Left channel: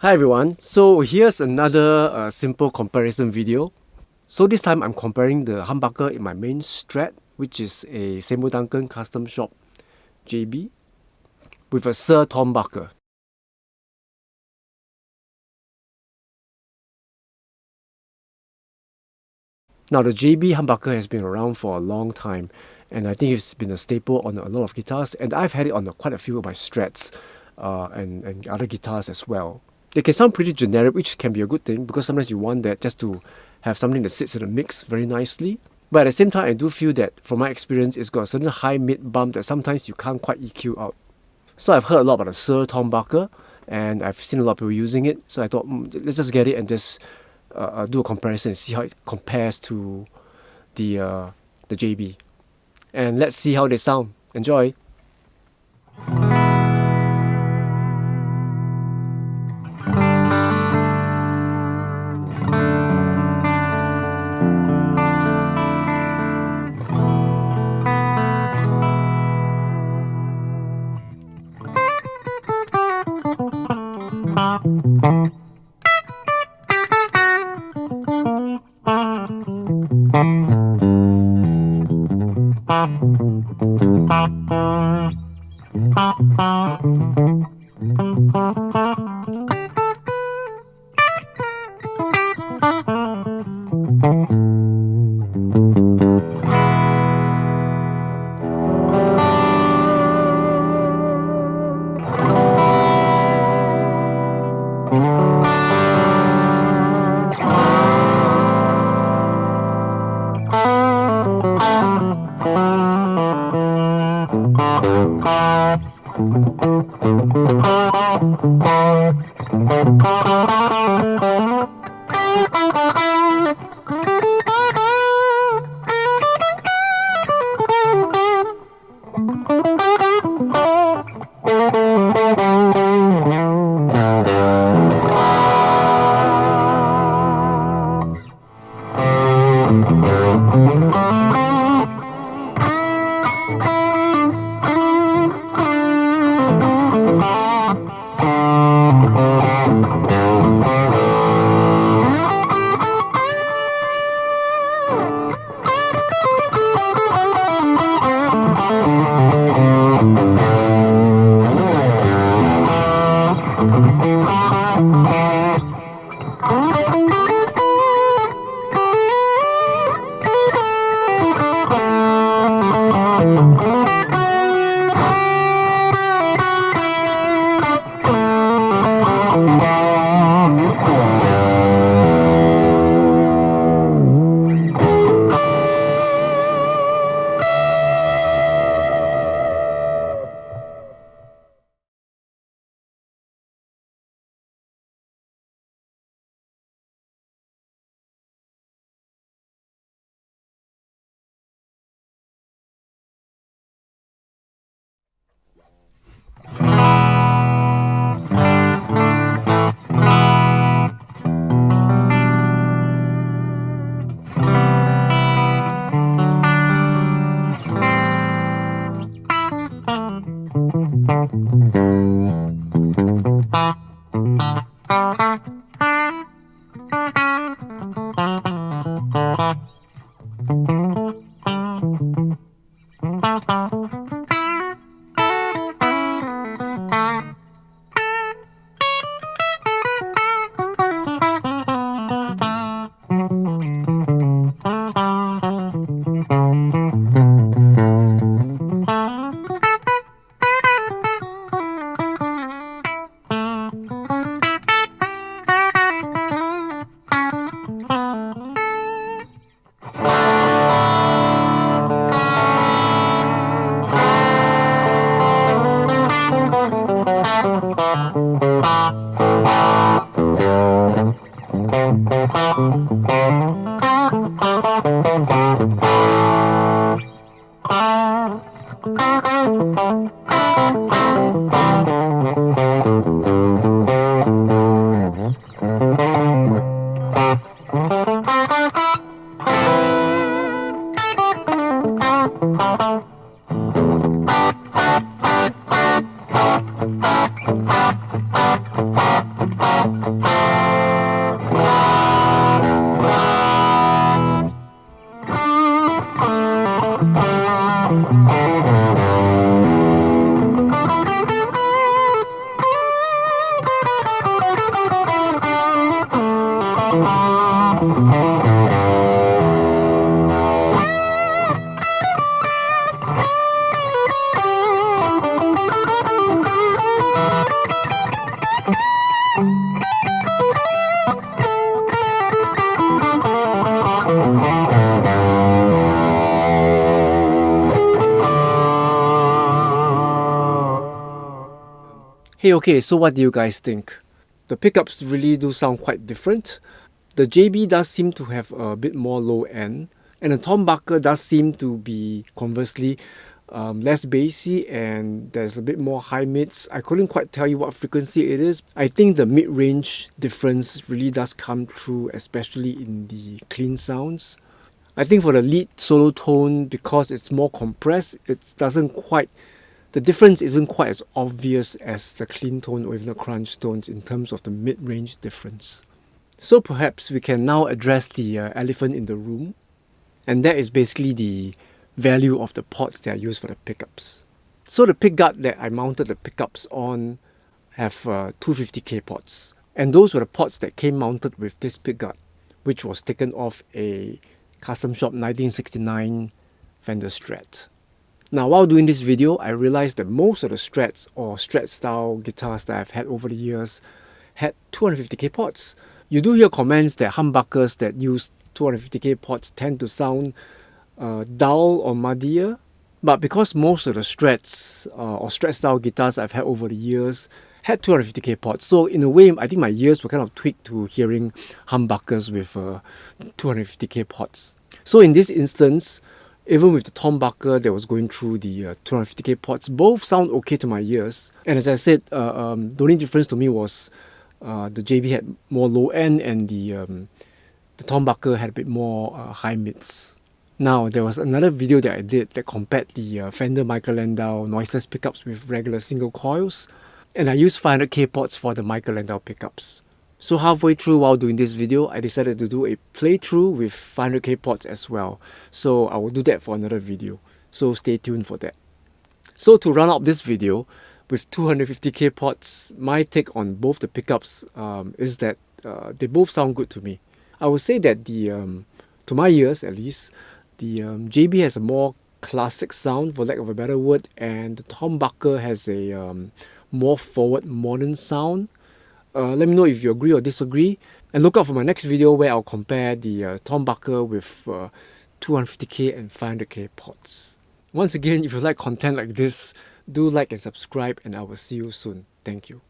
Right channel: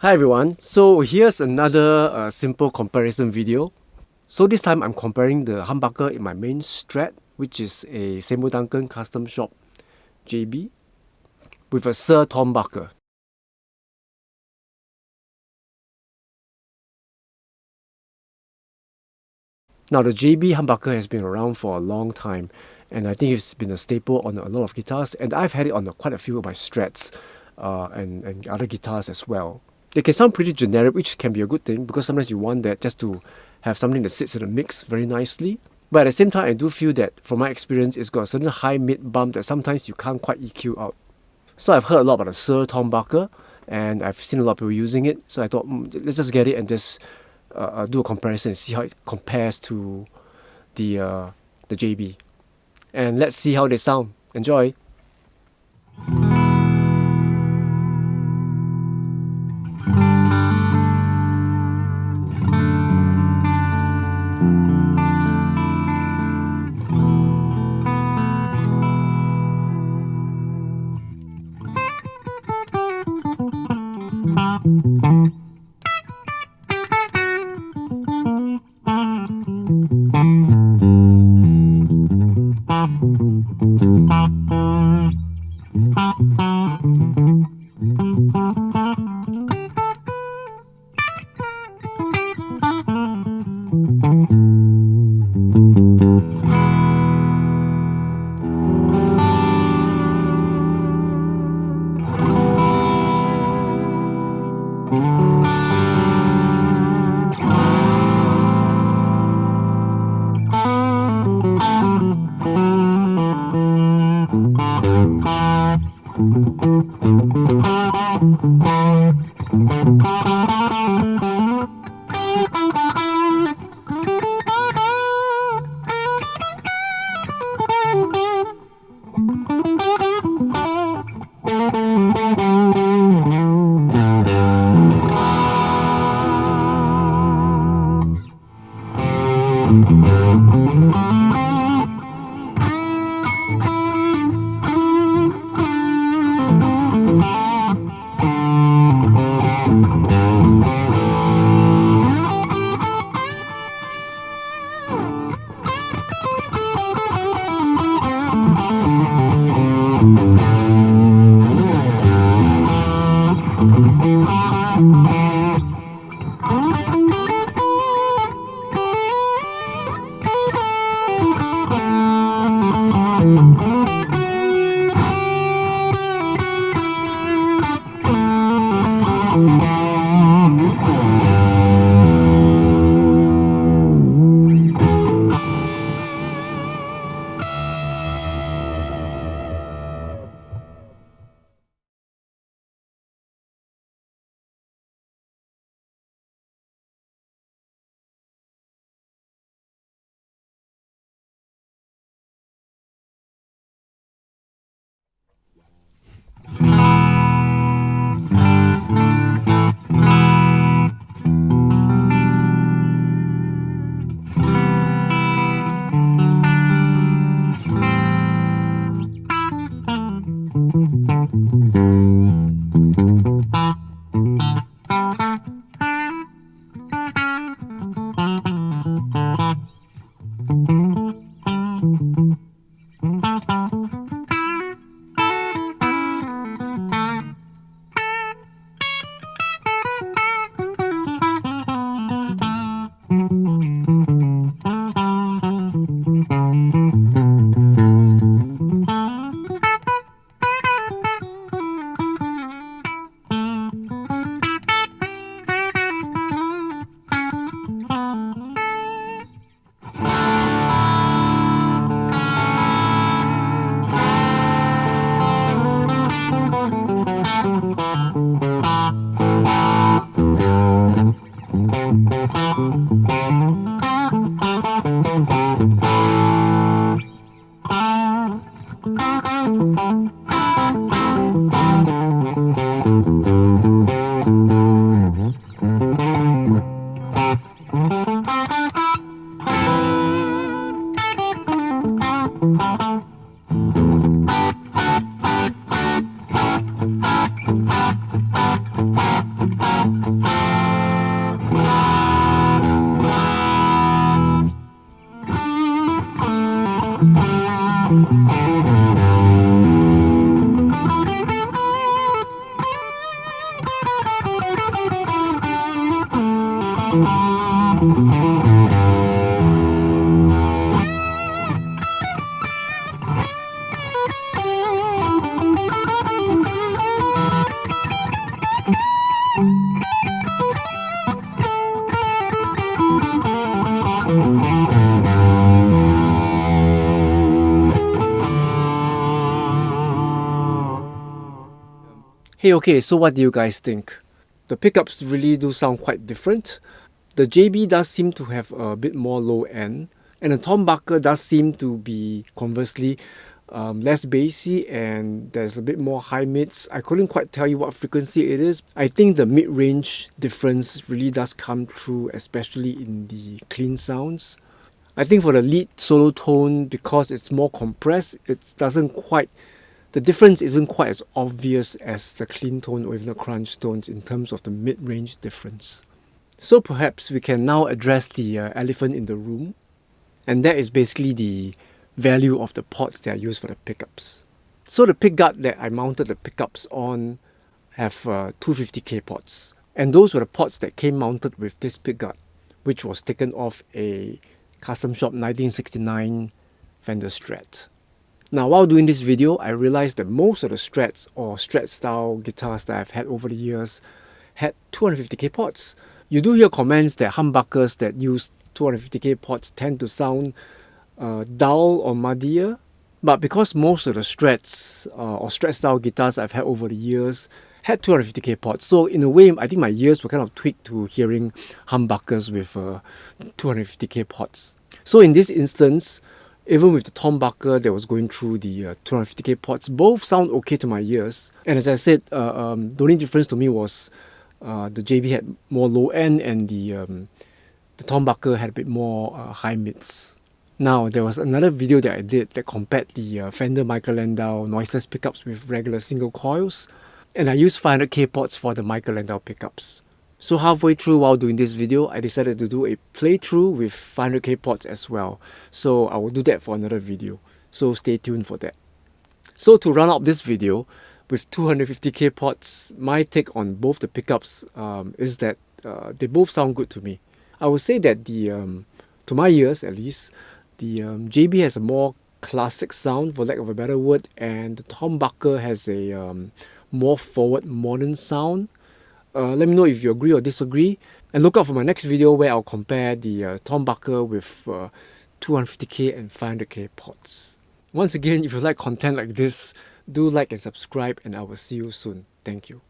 Hi everyone, so here's another simple comparison video. So this time I'm comparing the humbucker in my main Strat, which is a Seymour Duncan custom shop JB, with a Suhr Thornbucker. Now the JB humbucker has been around for a long time, and I think it's been a staple on a lot of guitars, and I've had it on quite a few of my Strats and other guitars as well. They can sound pretty generic, which can be a good thing because sometimes you want that just to have something that sits in the mix very nicely. But at the same time, I do feel that from my experience, it's got a certain high mid bump that sometimes you can't quite EQ out. So I've heard a lot about the Suhr Thornbucker, and I've seen a lot of people using it. So I thought, let's just get it and just do a comparison and see how it compares to the JB. And let's see how they sound. Enjoy! Hey, okay, so what do you guys think? The pickups really do sound quite different. The JB does seem to have a bit more low end, and the Thornbucker does seem to be conversely less bassy, and there's a bit more high mids. I couldn't quite tell you what frequency it is. I think the mid-range difference really does come through, especially in the clean sounds. I think for the lead solo tone, because it's more compressed, the difference isn't quite as obvious as the clean tone or even the crunch tones in terms of the mid-range difference. So perhaps we can now address the elephant in the room, and that is basically the value of the ports that are used for the pickups. So the pickguard that I mounted the pickups on have 250k ports, and those were the ports that came mounted with this pickguard, which was taken off a custom shop 1969 Fender Strat. Now, while doing this video, I realized that most of the Strats or Strat style guitars that I've had over the years had 250k ports. You do hear comments that humbuckers that use 250k ports tend to sound dull or muddier, but because most of the Strats or Strat style guitars I've had over the years had 250k ports, so in a way I think my ears were kind of tweaked to hearing humbuckers with 250k ports. So in this instance, even with the Trembucker that was going through the 250k ports, both sound okay to my ears. And as I said, the only difference to me was the JB had more low end and the Trembucker had a bit more high mids. Now, there was another video that I did that compared the Fender Michael Landau noiseless pickups with regular single coils, and I used 500k ports for the Michael Landau pickups. So halfway through while doing this video, I decided to do a playthrough with 500k ports as well. So I will do that for another video. So stay tuned for that. So to round up this video, with 250k ports, my take on both the pickups is that they both sound good to me. I would say that to my ears at least, the JB has a more classic sound, for lack of a better word, and the Thornbucker has a more forward modern sound. Let me know if you agree or disagree, and look out for my next video where I'll compare the Trembucker with 250k and 500k ports. Once again, if you like content like this, do like and subscribe, and I will see you soon. Thank you.